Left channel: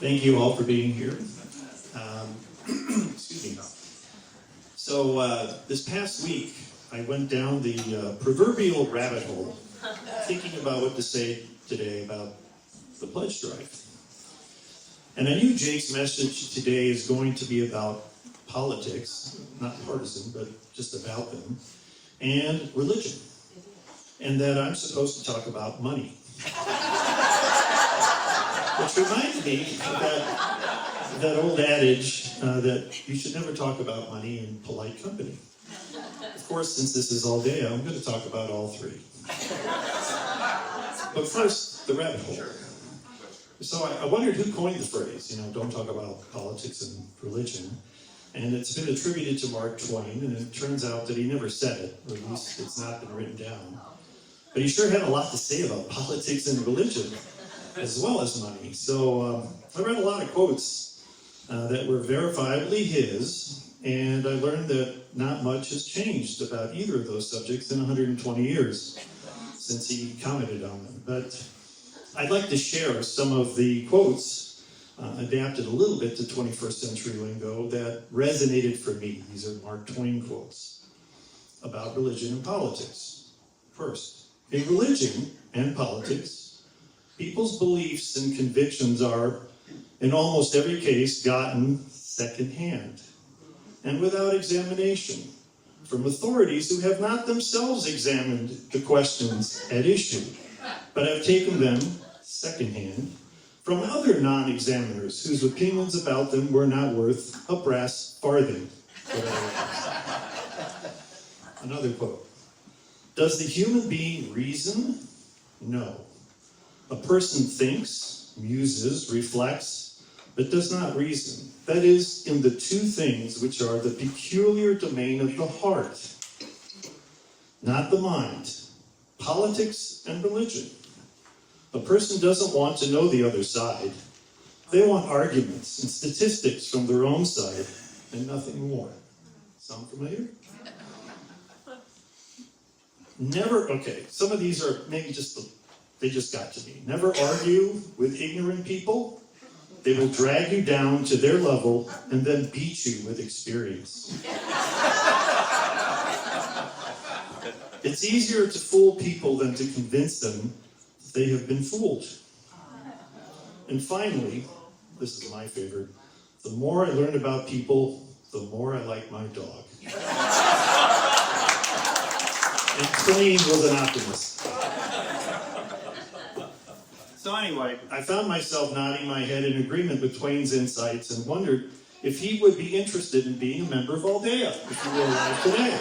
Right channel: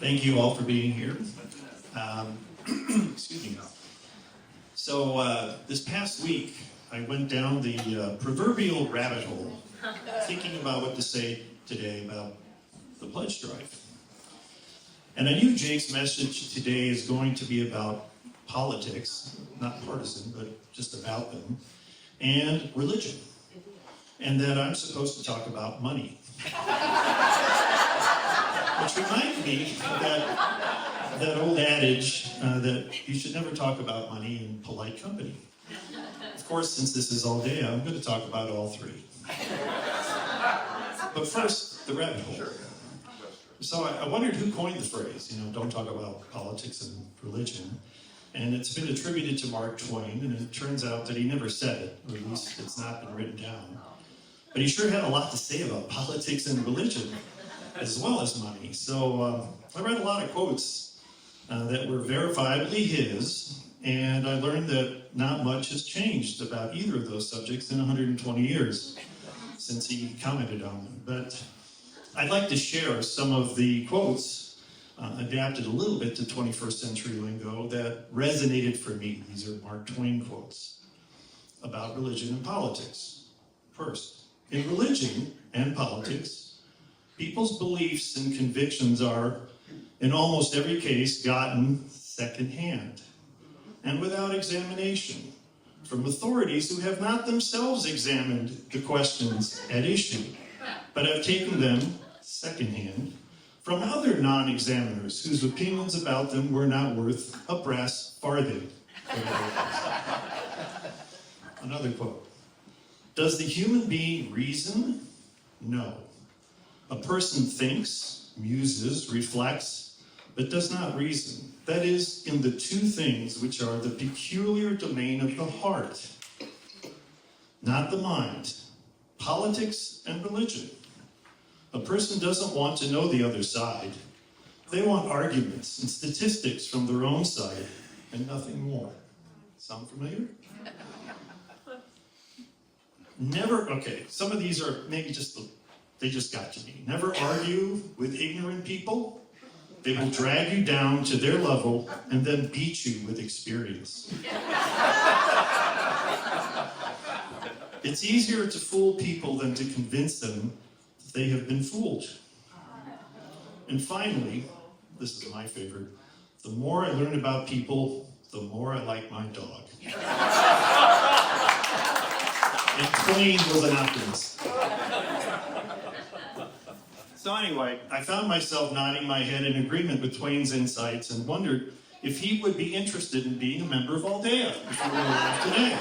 Thank you all for being here. Excuse me. So this past week, I went down the proverbial rabbit hole, thinking about what to say today about the pledge drive. And I knew Jake's message today is going to be about politics, not partisan, but just about them, and religion, and that I'm supposed to talk about money. Which reminds me of that old adage that you should never talk about money in polite company. Of course, since this is all day, I'm going to talk about all three. But first, the rabbit hole. So I wondered who coined the phrase, don't talk about politics and religion. And it's been attributed to Mark Twain, and it turns out that he never said it, or at least it's not been written down. But he sure had a lot to say about politics and religion, as well as money. So I read a lot of quotes that were verifiably his, and I learned that not much has changed about either of those subjects in 120 years since he commented on them. But I'd like to share some of the quotes adapted a little bit to 21st century lingo that resonated for me. These are Mark Twain quotes about religion and politics. First, in religion and politics, people's beliefs and convictions are, in almost every case, gotten secondhand and without examination from authorities who have not themselves examined the questions at issue, but have taken them secondhand from other non-examiners whose opinions about them were not worth a brass farthing. Another quote. Does the human being reason? No. A person thinks, muses, reflects, but does not reason. That is, in the two things which are the peculiar domain of the heart, not the mind, politics and religion. A person doesn't want to know the other side. They want arguments and statistics from their own side and nothing more. Sound familiar? Some of these are maybe they just got to me. Never argue with ignorant people. They will drag you down to their level and then beat you with experience. It's easier to fool people than to convince them they have been fooled. And finally, this is my favorite, the more I learn about people, the more I like my dog. And Twain was an optimist. So anyway, I found myself nodding my head in agreement with Twain's insights and wondered if he would be interested in being a member of Aldea if he were alive today.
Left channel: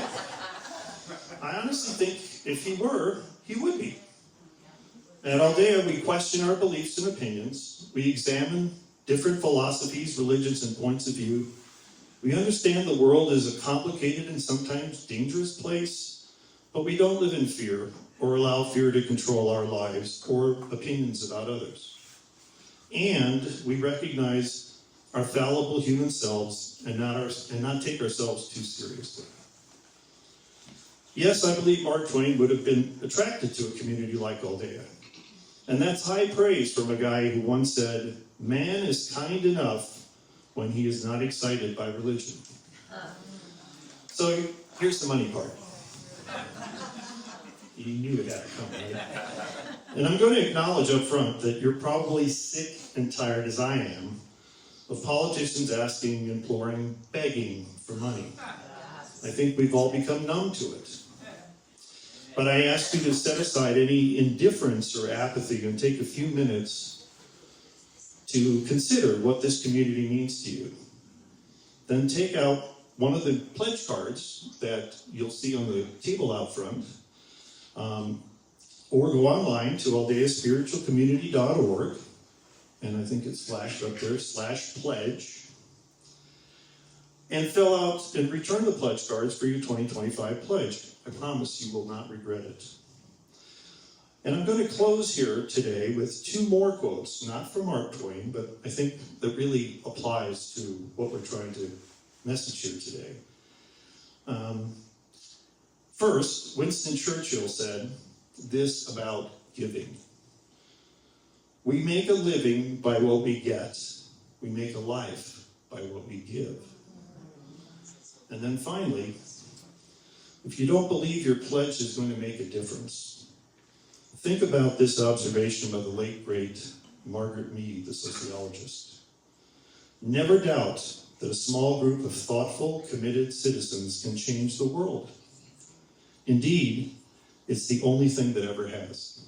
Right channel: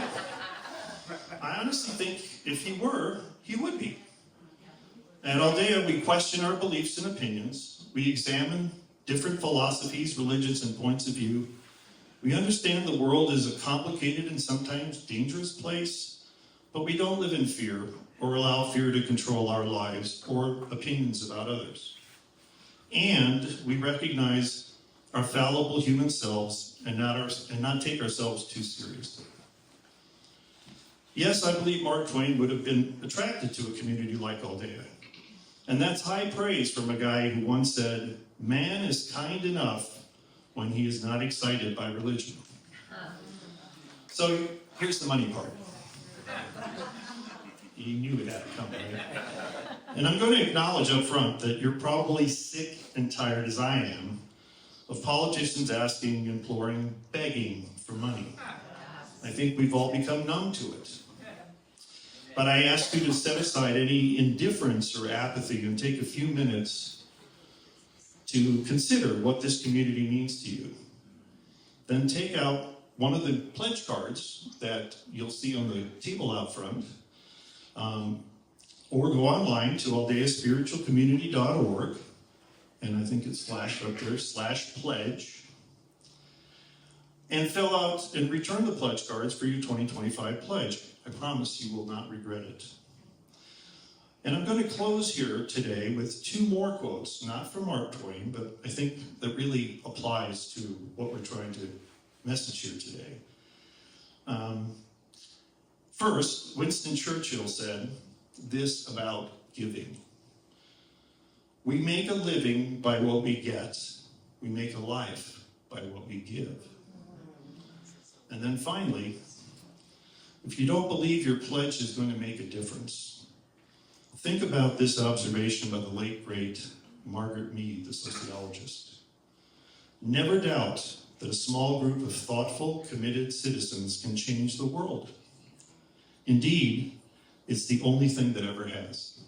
I honestly think if he were, he would be. At Aldea, we question our beliefs and opinions. We examine different philosophies, religions, and points of view. We understand the world is a complicated and sometimes dangerous place, but we don't live in fear or allow fear to control our lives or opinions about others. And we recognize our fallible human selves and not take ourselves too seriously. Yes, I believe Mark Twain would have been attracted to a community like Aldea. And that's high praise from a guy who once said, "Man is kind enough when he is not excited by religion." So here's the money part. You knew it had to come, right? And I'm going to acknowledge up front that you're probably sick and tired, as I am, of politicians asking, imploring, begging for money. I think we've all become numb to it. But I ask you to set aside any indifference or apathy and take a few minutes to consider what this community means to you. Then take out one of the pledge cards that you'll see on the table out front, or go online to aldeaspiritualcommunity.org, and I think it's flashed up there, /pledge, and fill out and return the pledge cards for your 2025 pledge. I promise you will not regret it. And I'm going to close here today with two more quotes, not from Mark Twain, but I think that really applies to what we're trying to message here today. First, Winston Churchill said this about giving. We make a living by what we get, We make a life by what we give. And then finally, if you don't believe your pledge is going to make a difference, think about this observation by the late, great Margaret Mead, the sociologist. Never doubt that a small group of thoughtful, committed citizens can change the world. Indeed, it's the only thing that ever has.